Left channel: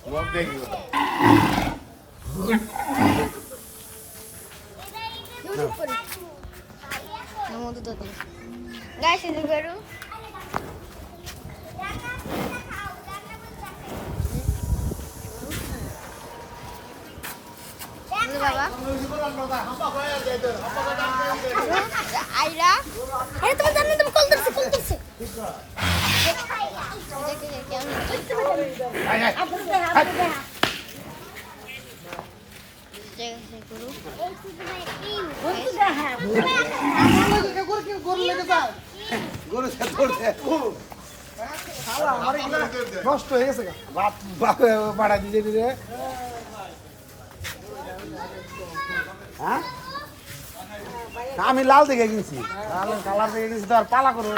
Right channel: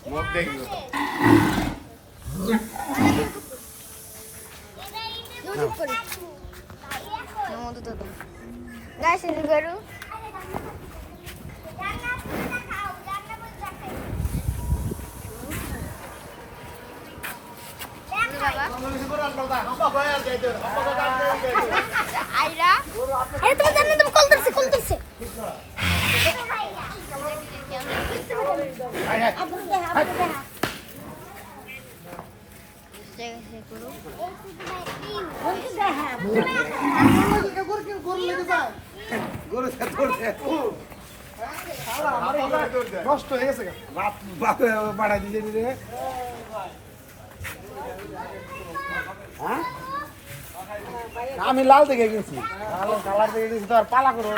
Guys, ini baru. Aira. Ayo teman-teman kol tersi. নষ্ট হয়ে গেছে বাড়া দিলে দিলে হ্যাঁ আমি লাল দেখে গেছি কালার দেখে গেছি তার পালা করে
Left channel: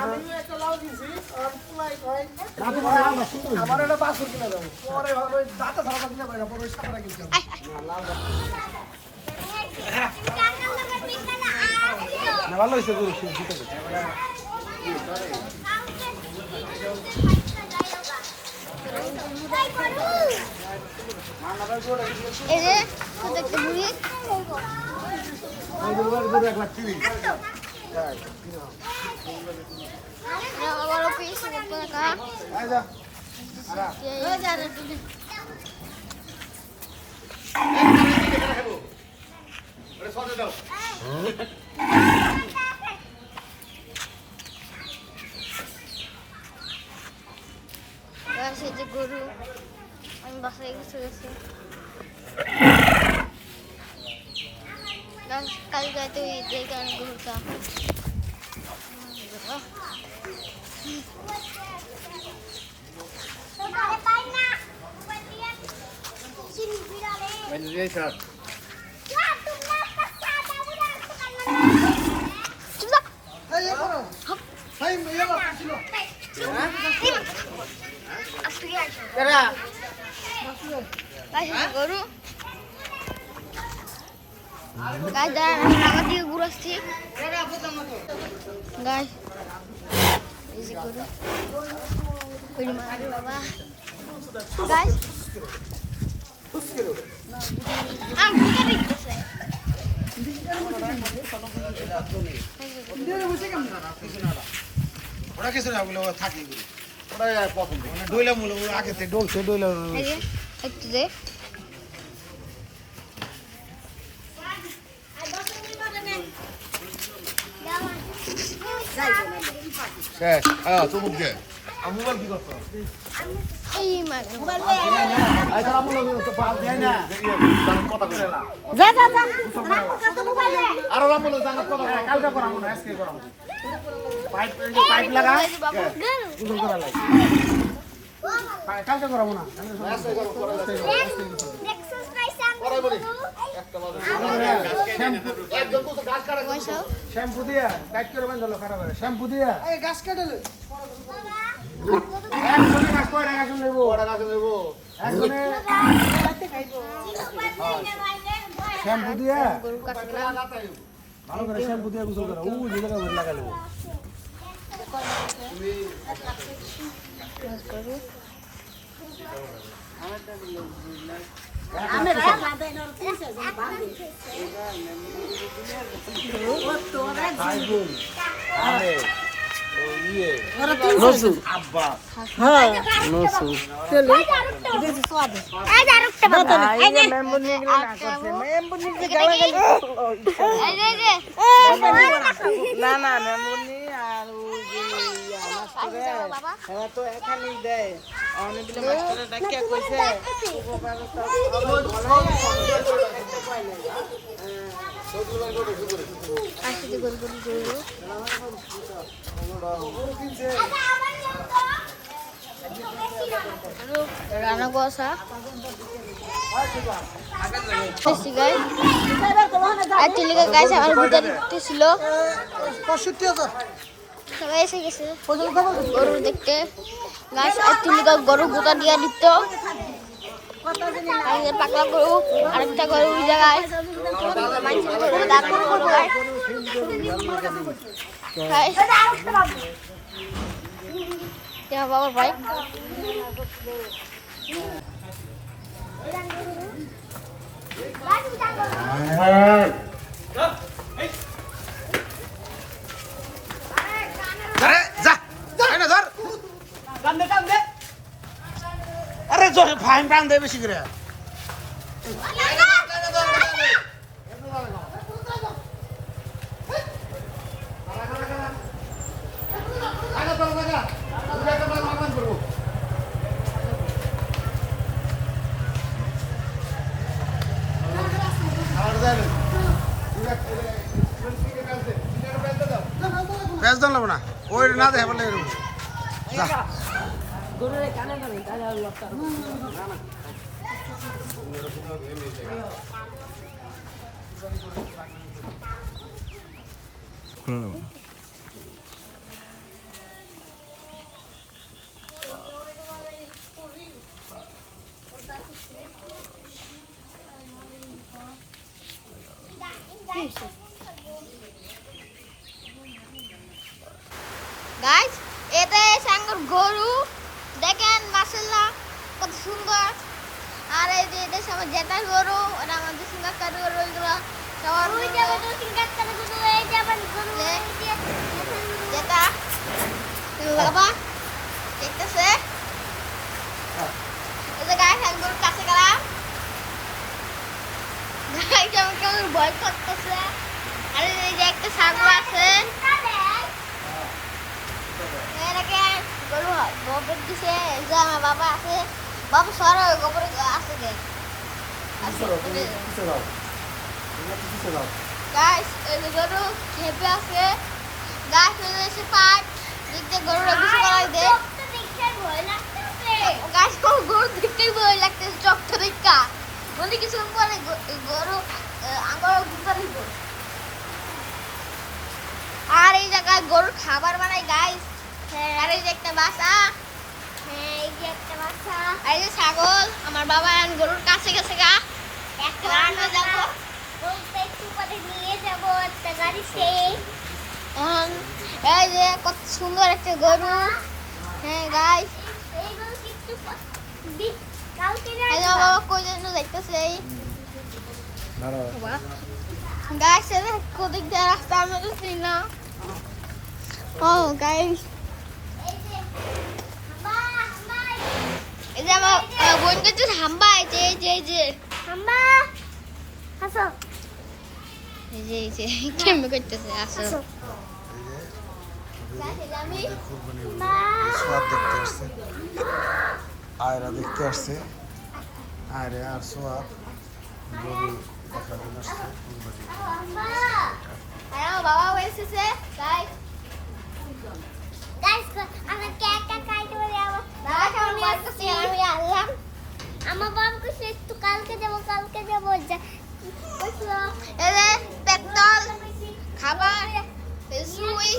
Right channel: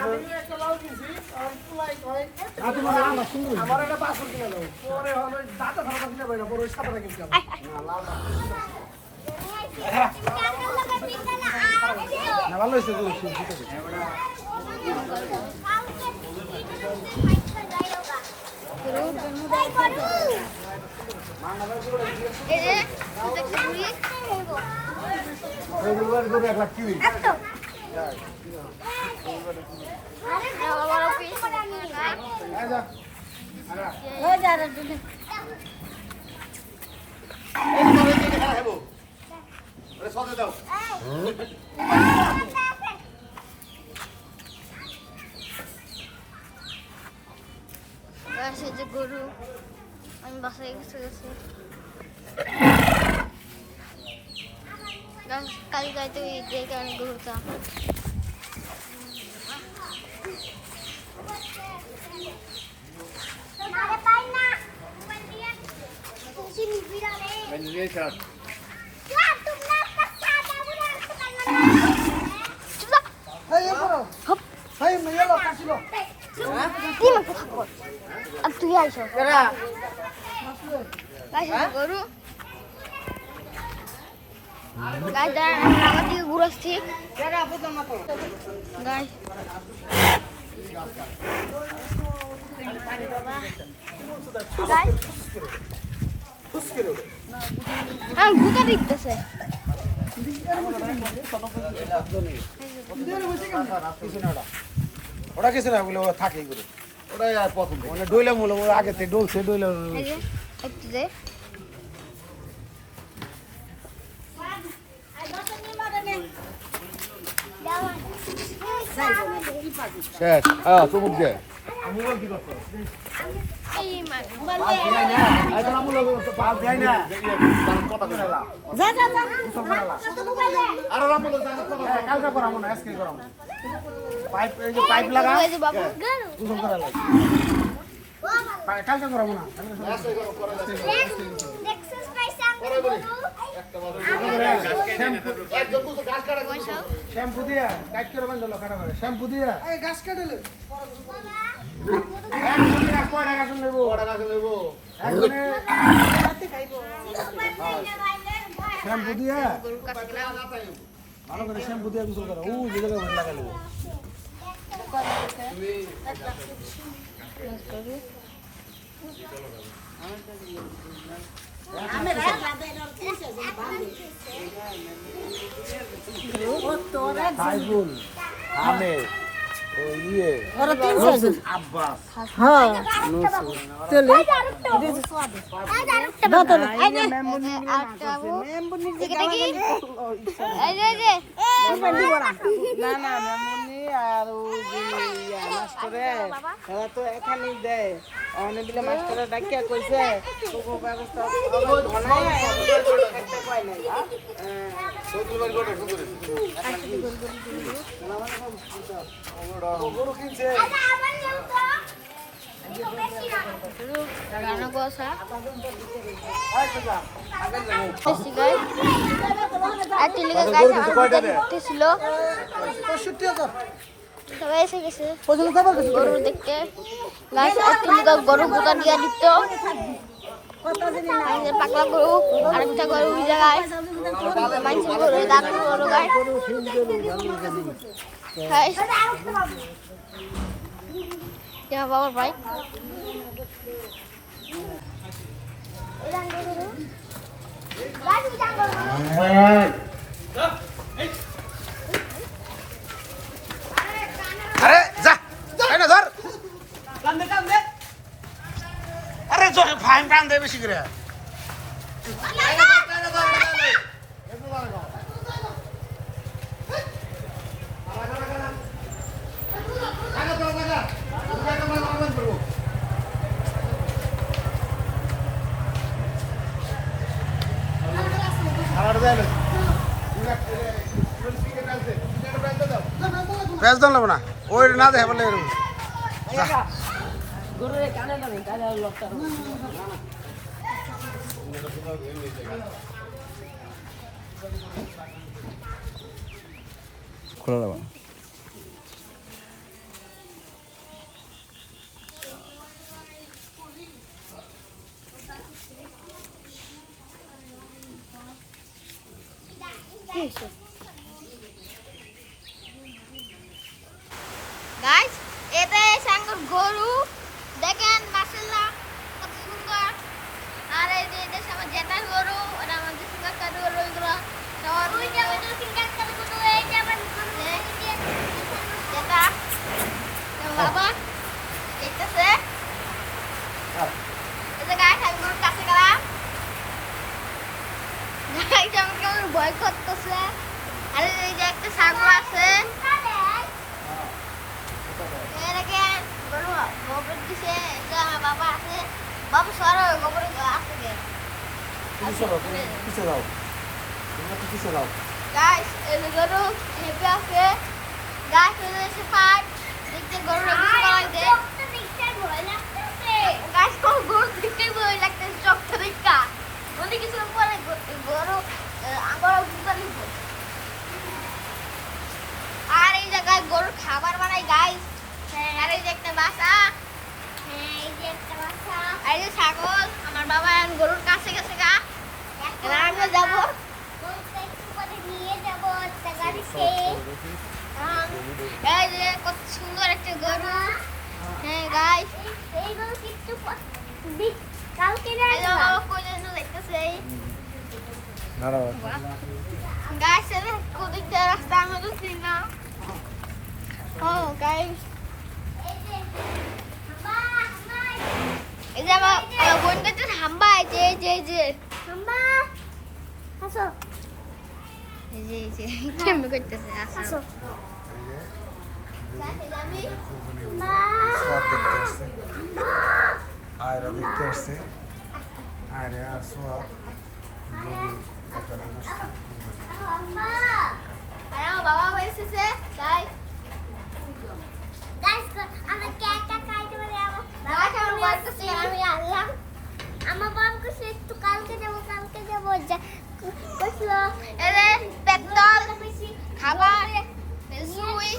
ভালো হয়েছে যে গরু আমি বাসায় গেছি কাল গাইতে যে কারণে গরুটা গরু আমার দিকে ঘুরে আসছি বাবা ভুকা দেখতেছে ওরা কিছু না বলে ওরা থাকে ওরাই আর প্রথম ডইলা মূল আগে থেকে ডলছে ডইলা একটু দে শেষ হ্যাঁ চুমুক দে আমুরা কি করতে এই মাছ কালকা করামো না আজকে করামো পাইপ লাগা গোসল করা লাগে কালকা করামো না শ্যাম্পু দিয়া কাট করে বাঁধালো শ্যাম্পু দিয়া গাছ কাটলে শ্যাম্পু দিয়া ভালো করে শ্যাম্পু দিয়া গোসল করা যে জায়গায় ভোট লাগাই নেবো রান্না কষা বেশি গাই আর তিলিকা গাছ আমার ভিতরে ছিল সবাই এসে গেছে গরু দেখতে গাছ আর তিলিকা গরু গোটা দিয়া দিত পাকলা গরু আরেকটা গরু ওই জায়গায় মানুষের গরু দাঁত গরু গায় বাবার ভাই ফাইন টান দেয় বেশি করে পেঁয়াজ দাম লাগবো না ওই না দেখে বলে যা গাইস এটা সাঙ্গর গরু দেখেন মাশাআল্লাহ কত সুন্দর আর এই যে এটা আমার জেঠার গরু ওটা আমাদের সিঙ্গাকার গরু এগুলো সবার জেঠা বাবা দেখতেছে এই যে গাইস আমি গরুর কাছে গেলাম গাইস আমি কেমন ভয় করতেছে আর এই যে একটা ছাগল আছে গোবর দিছে এই যে আমার বাবা আছে বাবা সরা গোবর আছে যে গাইস এই যে গরু হেপে আছে গাইস এসে পাট দেখতে গরু বেশি করাই দে গাইস কো গরু দেখতে ভয় লাগতেছে চকটা দেখা বলি কিছু পরে গরু আঙ্গুর গুতা নিব আর এই জায়গায় গরু খাবার বানাই গাইস আর এই যে একটা বাসা এই যে ছাগল আমার বাবা এখন গরুর কাছে গেছে গা রান্না যাবো এই যে কত সুন্দর একটা গরু হ্যাঁ গাইস বাবা কই যেন দেখতেছে গাইস কোদিক দিয়ে রাস্তা আমি তো চিনি না ও গাইস এই যে আমার বোন কাছে হাম্বা আছে এই যে হাম্বা আসো এই যে কেমন করতেছে আসো আয়রা দেখতে আসছে আয়রে আর সোয়াব গরু দেখার জন্য আসছে আর আমার বাবা এসেছে গাইস আমি কেকটা খাইতে বলে আমি আনলাম আমার বাবা কইছে একটু কালকে যাবো এরে পেট্রোল খাবার সুই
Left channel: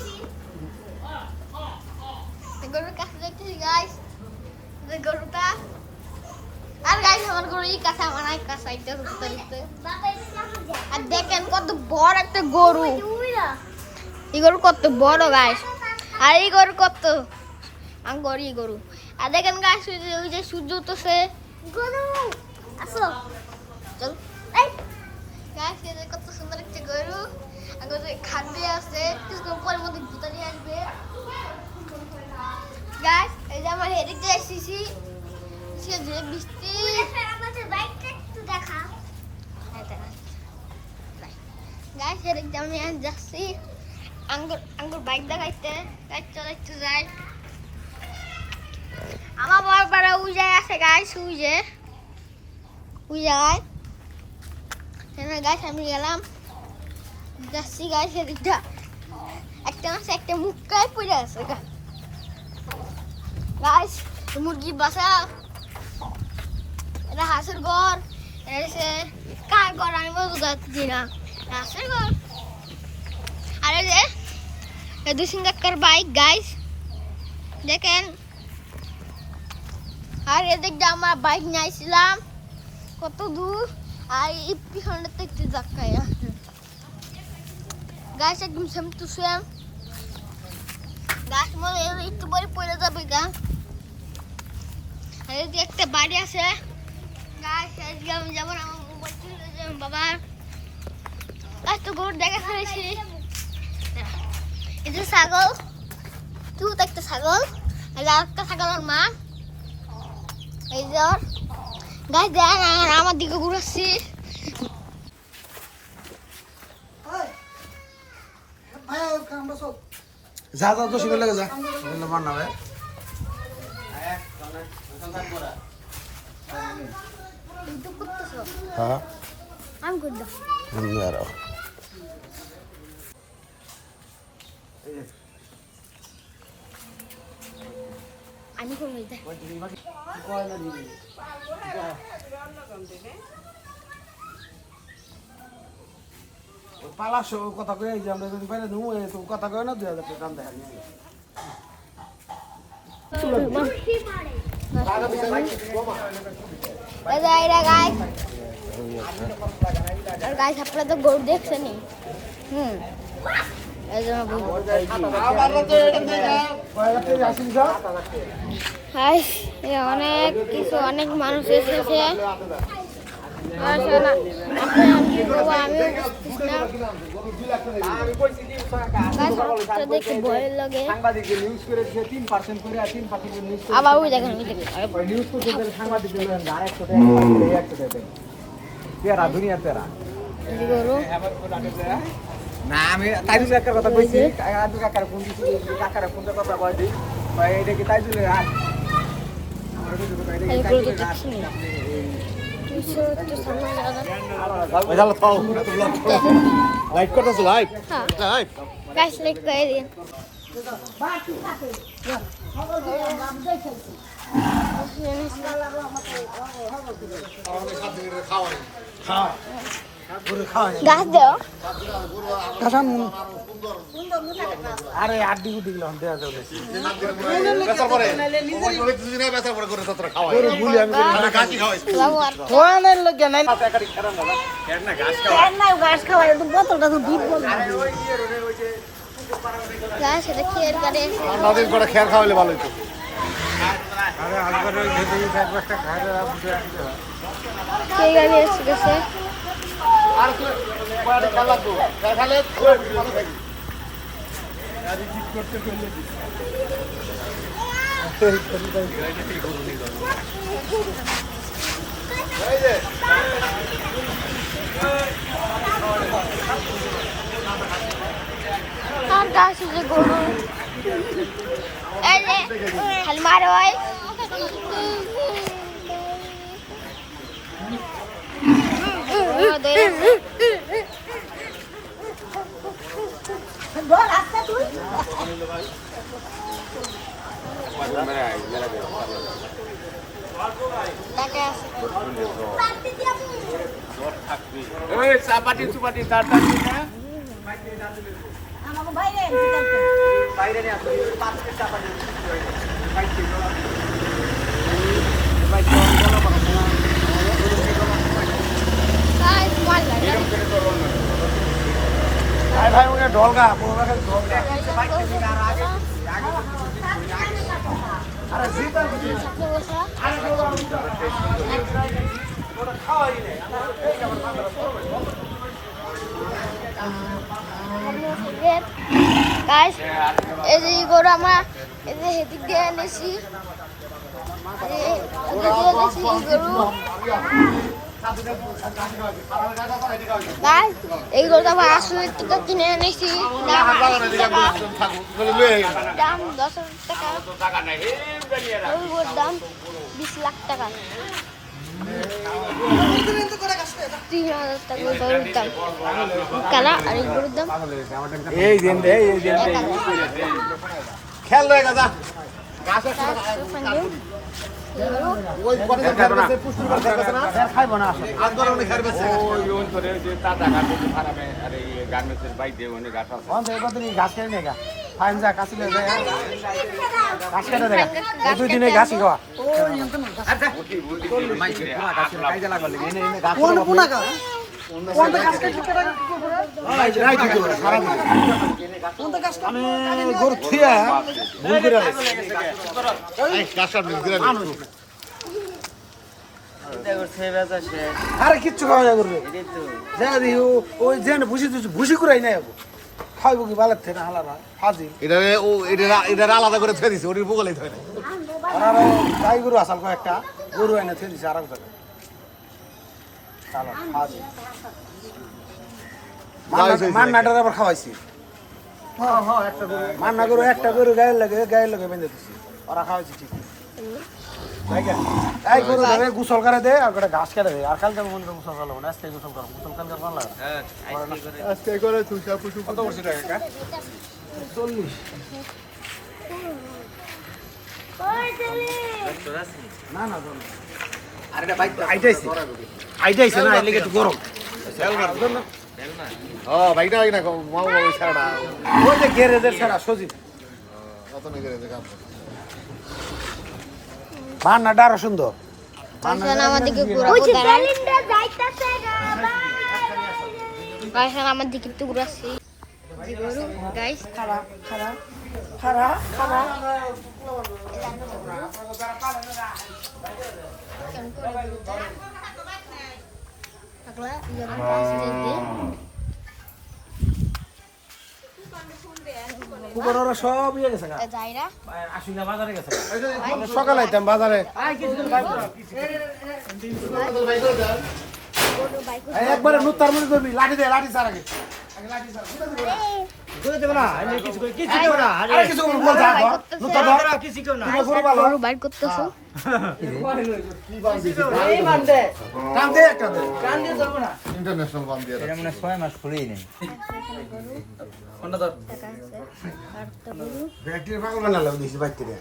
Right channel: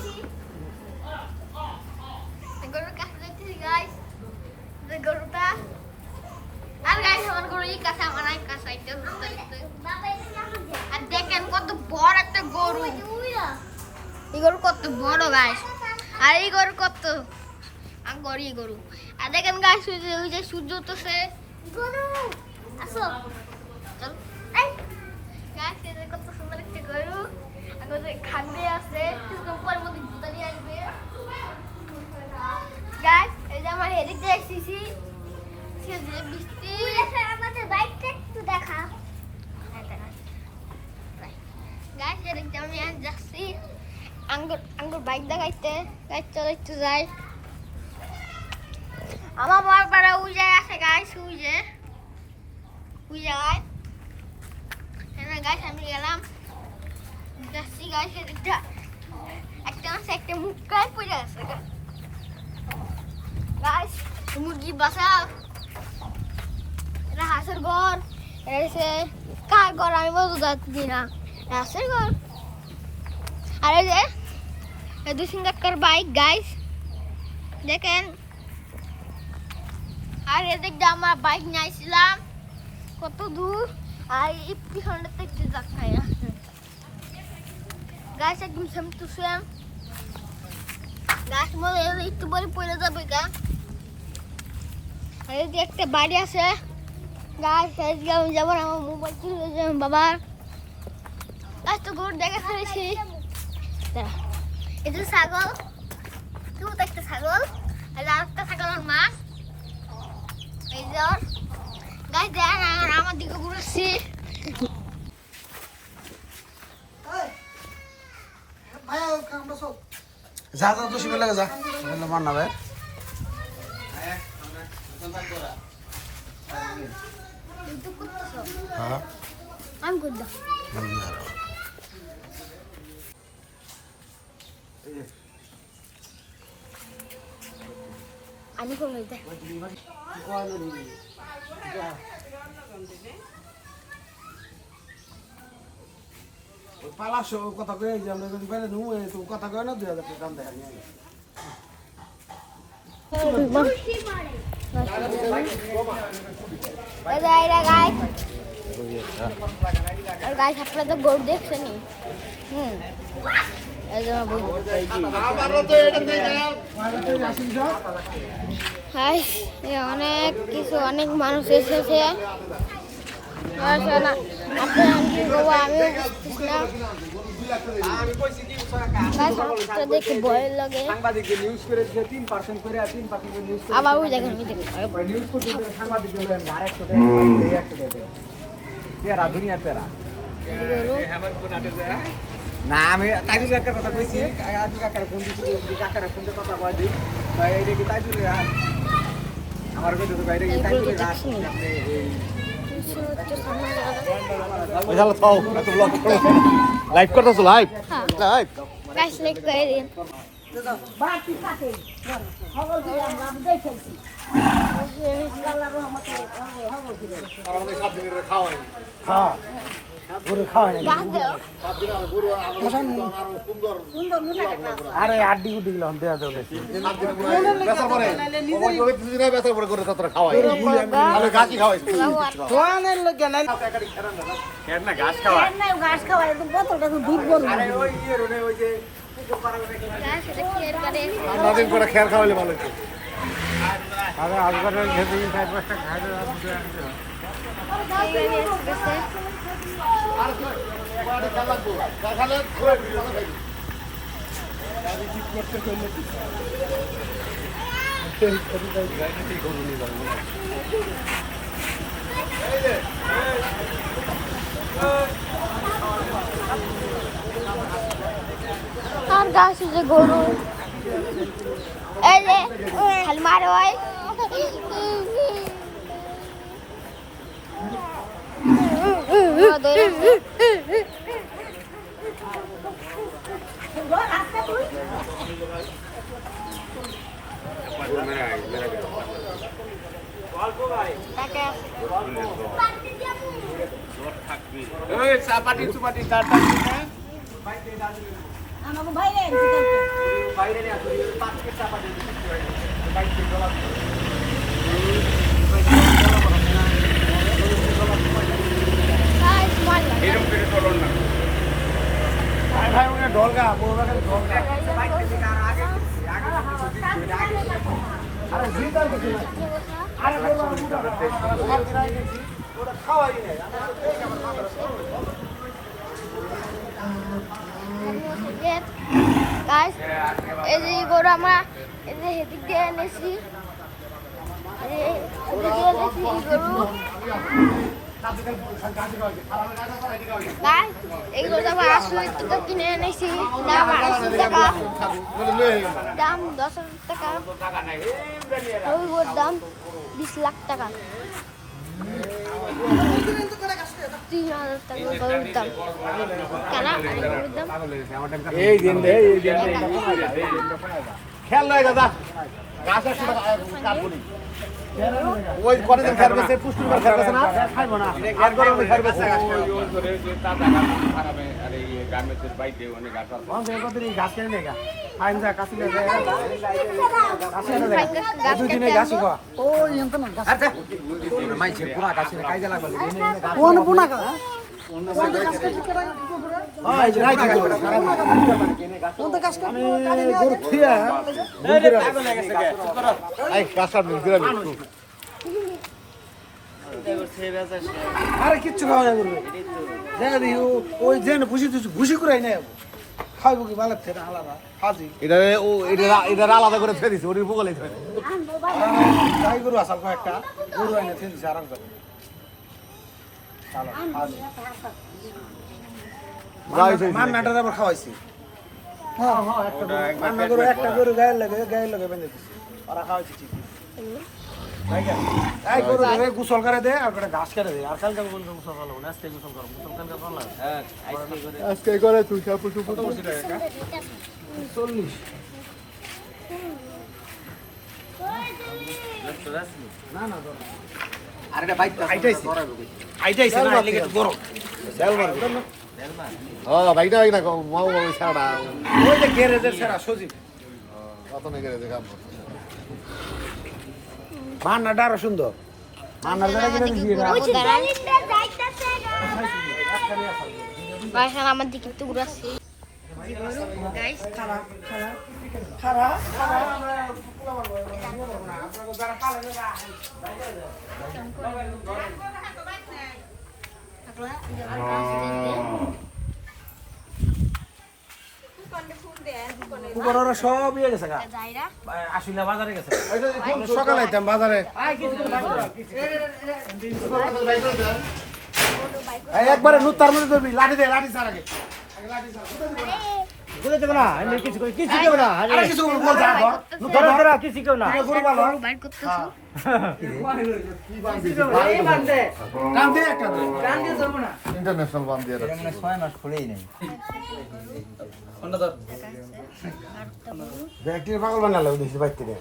গরুর কাছে দেখতেছি গাইস গরুটা আর গাইস আমার গরু এই কাছে আমার এক কাছে এটা হচ্ছে আর দেখেন কত বড় একটা গরু এই গরু কত বড় গাইস আর এই গরু কত আঙ্গরি গরু আর দেখেন গাইস ওই যে সূর্য উঠছে চল এই গাইস এটা কত সুন্দর একটা গরু আর গরু খাদ্য আছে কিছুক্ষণ পরের মধ্যে জুতা নিয়ে আসবে গাইস এই যে আমার হেডে যে এসেছি সে যে বৃষ্টি আমাদের বাইকটা একটু দেখা গাইস এদিকে আমি যাচ্ছি আঙ্গুর বাইক দেখাইতে চালাইতে যাই আমার বারবার উজে আছে গাইস উজে গাইস আমি গেলাম যাচ্ছি গাইস এদিকটা একটা মাছ একটা মুখটাই পড়ে আছে গাইস মুরগির বাসা এটা হাঁসের ঘর এসে কার ঘর আমি বলতে যাচ্ছি না হাঁসের ঘর আর এই যে দুই সিঙ্গাকার বাইক গাইস দেখেন আর এদিকে আমরা বাইক নিয়েছিলাম কত দূর আর এই পিছনটা একটু জায়গায় গাছ একদম সেম টু সেম গাছ মনে একটু পরে পড়ে যাবে গা আর এদিকে একটা বাড়ি আছে গাছ এদিকে আমি যাবো না আমার মোবাইল চলে যাবে বাবার গাছ তো গরু দেখে ফেলেছি এটা ছাগল তুই একটা ছাগল এটা একটা ছাগলের মা এই যে গাইস দেখেন আমার দিকে ঘুরাচ্ছে যা যা তো শিখে লাগে যা মান না ভাই হ্যাঁ আমি করলাম আমি কমে যাই পালাশো কথা কয়ে যে আমরা যদি পাইলে নুয়ে তো কথা কয়ে না 2000 টাকা দাম দেখা নিয়ে আর গাইস আপনারা তো গরু দেখছেনই এই জন্য বলি গাইস অনেক কিছু অনেক মানুষ এসেছে আপনারা কি করবো আমিও বুঝতেছি না দেখে ভয় লাগে আবার ওই দেখেন না আমি তাই একটা কথা কইছি কাকার ফোন দিছি কাকার ফোন দিয়ে কথা কই দি ভাই এটা কি তাই চলে আমার কইতে তো বাইরে তাই চলে আপনি এই ওই দাও থাও এত ব্লগ লাইভ করতেছ লাইভ লাইভ গাইস লাইক করে দিন হ্যাঁ পুরো খাওয়া গাছ দাও কাসাম আরে আড্ডি দিগুলো দেয়া যাবে বেচার পরে ওই ওই দুদিনে বেচার পরে করে ততটা খাওয়া তাহলে গাছই খাওয়াই কোয়ানের লাগে নাই খের না ঘাস খাওয়া গাছ খাওয়া একটু বোতলটা তো দুধ বল গাছ এটা খেয়ার করে ঠান্ডা দিন করে খের খাওয়ালে ভালো হতো আরে আজকাল যদি 4-5টা খাইলে বুঝে আনতে হয় সেই গাড়ি এসেছে আর কি মানে কালা তো খালে গাড়ি ঠিক করতে চলে এই যে আর গাছ যে গরু এই যে খালি মারে ভাই এই চাপাটি চুপাটি তার টাকি না বাইরে নিয়ে আসলে 5 কেজি টাকা দিয়ে বিক্রি হয় বাইক থেকে ডলার গাছ মার লাগে ভাই ওরে ঢোলগা বড় খালি ঢোলগা আরে জিতার কিছু না আরে বড় ওটা খাওয়াই নাই আমরা তো খেয়ে আমার মাথা গাছ এই যে গরু আমরা এই যে হেদিক দিয়ে এনেছি গরু এই গরুটা আমার 80 টাকা কিনে এনেছি দাম 80 টাকা দাম 10,000 টাকা ওই গরুর দাম 20 লাখ টাকা 3,000 টাকা ওই গরুর দাম কালা আর এই গরুর দাম এই দিন খেল রে দাদা গাছ আছে ওই পরে যে খেল বেছে পুষ্টি করে খেল বেছে না খাইবো না আর করে উনি খেল বেছে ওই করে যে তাজা খানাবে আর এই গার্মেন্টসের বাইক দিয়ে অনেক গাছ আছে অন তো কতদিন গাছ কেন নেগা ফাইন যা কাছি লে দুই দিনে গাছি খাওয়া ও এমন না আচ্ছা মাইছে পুরা গাছি কাইজা লাগবে এনে এনে গাছ কোন পুনা কা কোন গাছ কাটি কেডা কি করব ওই রাই দিও সারা দিন আমি গরু থিয়া বুন করে এই গাছটা নিয়ে দিলাম আরে কিচ্ছু খাওয়া না করবে জায়গা দিও ওই যেন ভুসি কুরাই নাই খাইবো কি বালার থেকে হালা না ফাজি এটা ও এটা আলাদা করে থয়ে দিছে ওর বগলে থয়ে নাই গাই গরু আসাল একটা গরু এনে থে দিছে আরাম করে মান্নাটার আবার খাওয়াইছি মান্না গরু একটা গরু গায়ের লাগে বেঁধে দিছি ওরা খাওয়াইছি ঠিক এই গরু গোসল করে দে আর একটা ঘাস কেটে দে আর কালকে বলতে গোসল করলো না আজকে গোসল করো গোসল কালকে করলা হ্যাঁ আজকে করে তুই সব পশু কত বছর টাকা 40 না না আইটাইছি না লেগে তো গরম বাইকটা হয় না মাও ছাড়া ওই যে গেরেজের ছাড়া সজি অত নিয়ে দেখাম মান্নাটা আরো সুন্দর আমাদেরকে ঘোরাবো দাঁড়ান ভাইজান আমার দিকে একটু ঘুরাচ্ছি গাইস কুকুররা সব ইয়ে গেছে গা যাইরা আসলে বাজারে গেছে সকালে আইতাম বাজারে একবারে নুতার মধ্যে ধরবি লাঠি দে লাঠি ছাড় আগে গরু বাইর করতেছো ইন্টারন্যাশনাল বাম দিয়ে রাখছি ব্যাটারি পাগল বানালো দিছি বাইক থেকে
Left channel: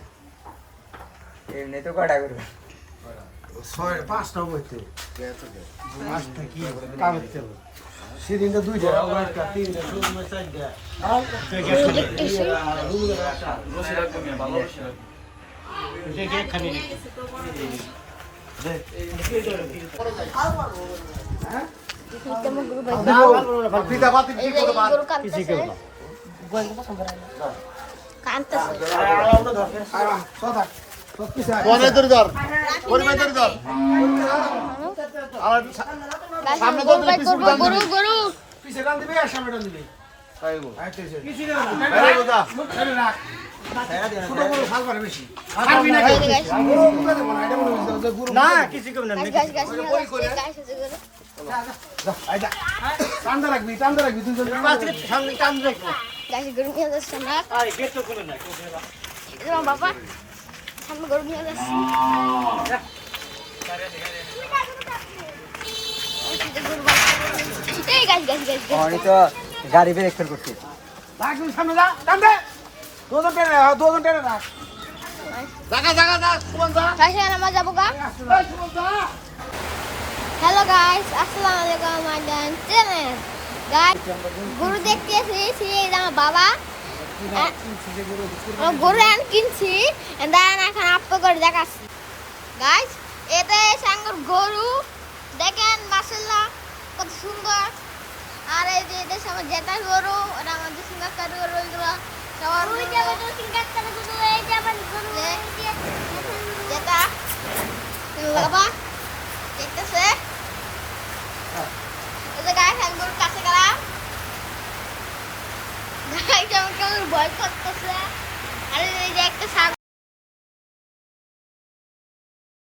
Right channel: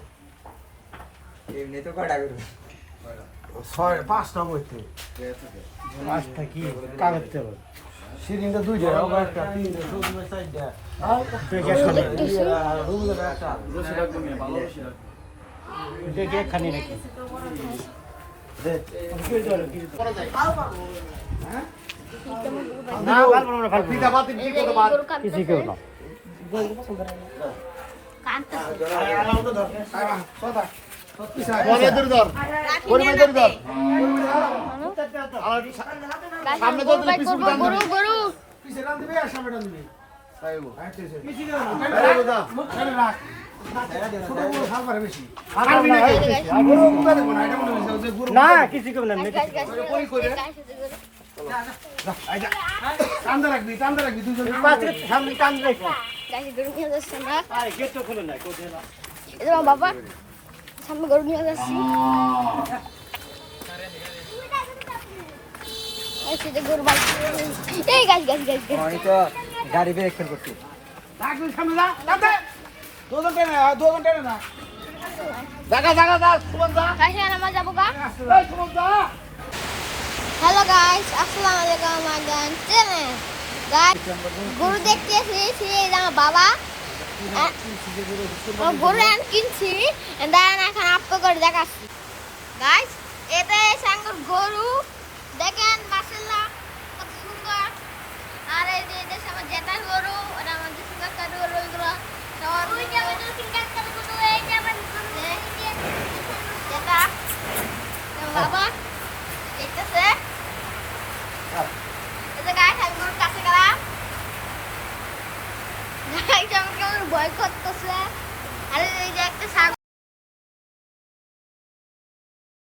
পাঁচটা বইতে সেদিনটা দুইটা একটা তিনটা সুন্দর চারটা পিতা বাতি কি করে বাদ কোনে ধরে ধর কোনে ধরে ধর গরু গরু পিছে রান দিবি আর সামনে রান দিবি টান্দা রাখবি দুজন গরু নিয়ে যাচ্ছি আমরা বাবা সামনে গরু নিয়ে যাচ্ছি গরু গাড়ি ব্রেক ফেল করছি সামনে যা টান্দা দুজন টেনে না আমরা যাবো গা হ্যালো গাইস আসসালামু আলাইকুম আমাদের চ্যানেল গাইস গরু দেখতে এসেছি আমার বাবা গরু কিনছি দাঁড়ান এখন আপনি করে দেখাচ্ছি গাইস এটা সাঙ্গর গরু দেখেন মাশাআল্লাহ কত সুন্দর আর এই যে এটা আমার জেঠার গরু আর আমাদের সিঙ্গার গরু এগুলো সবার জেঠা বাবা